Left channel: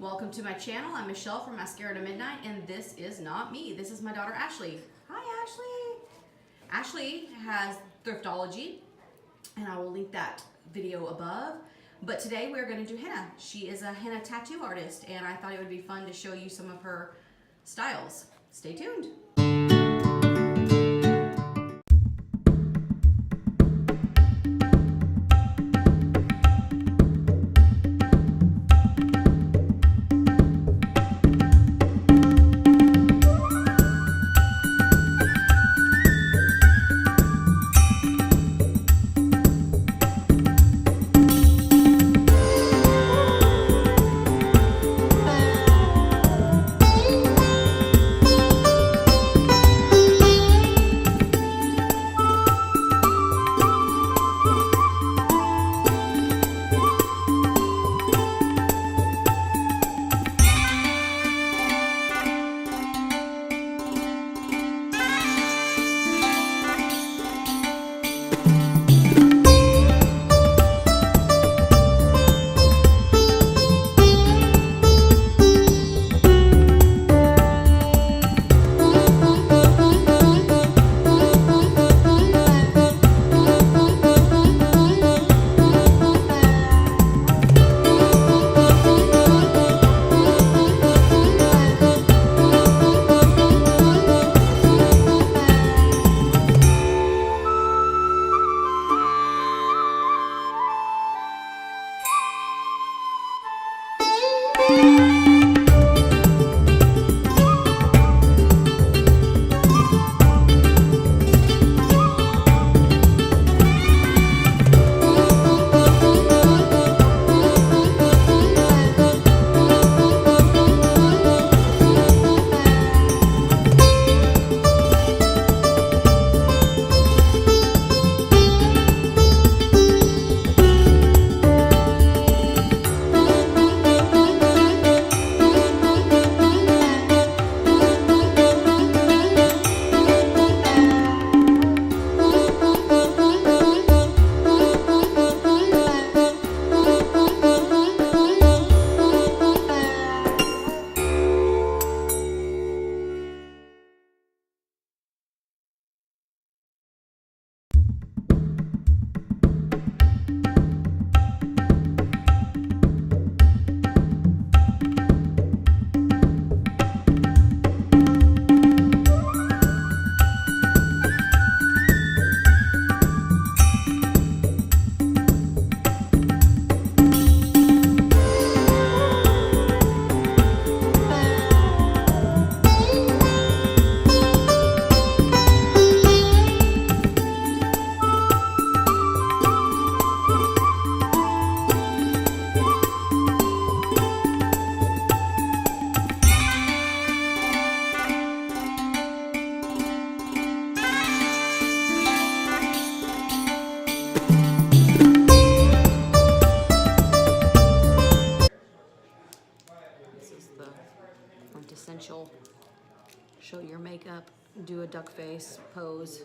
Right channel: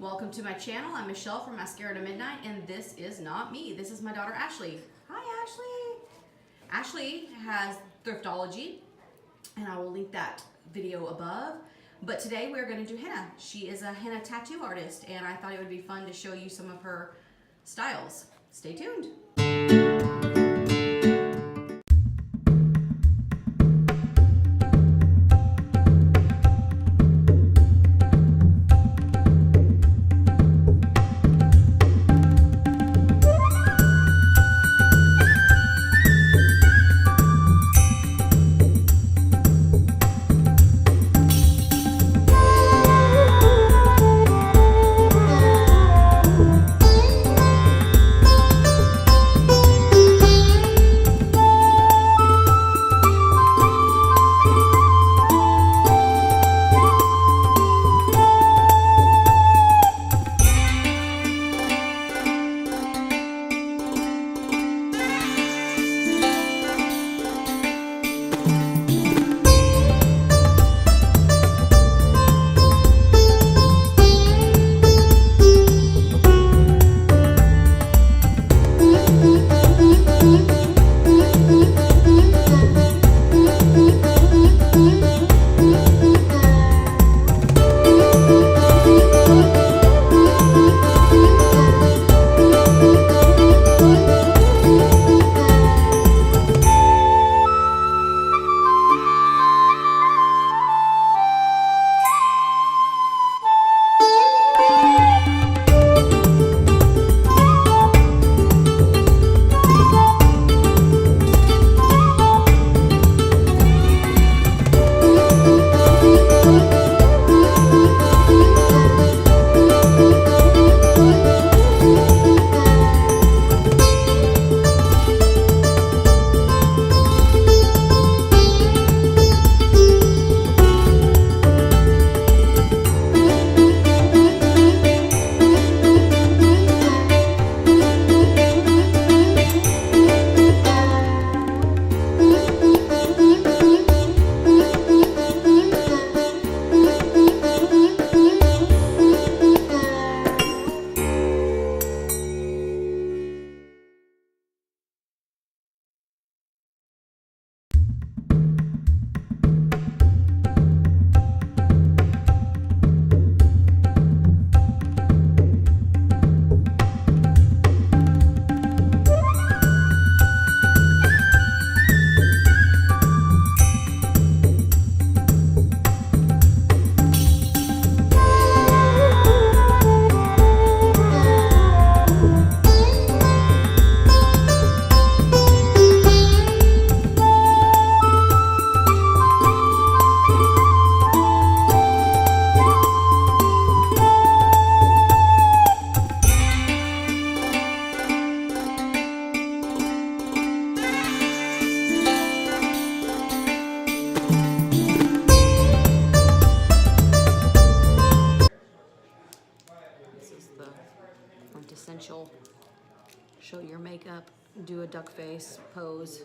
Welcome to my channel. I'm Michelle from Mascara to Midnight, and this is not me. This is my daughter, Ashley. Hi, Ashley. Ashley has Thriftology, and I will link that video above. But today we're going to do henna. She is a henna tattoo artist, and I thought it would be fun to show you some of her styles. Stay tuned. Quintessential show your makeup, do a duck face pose.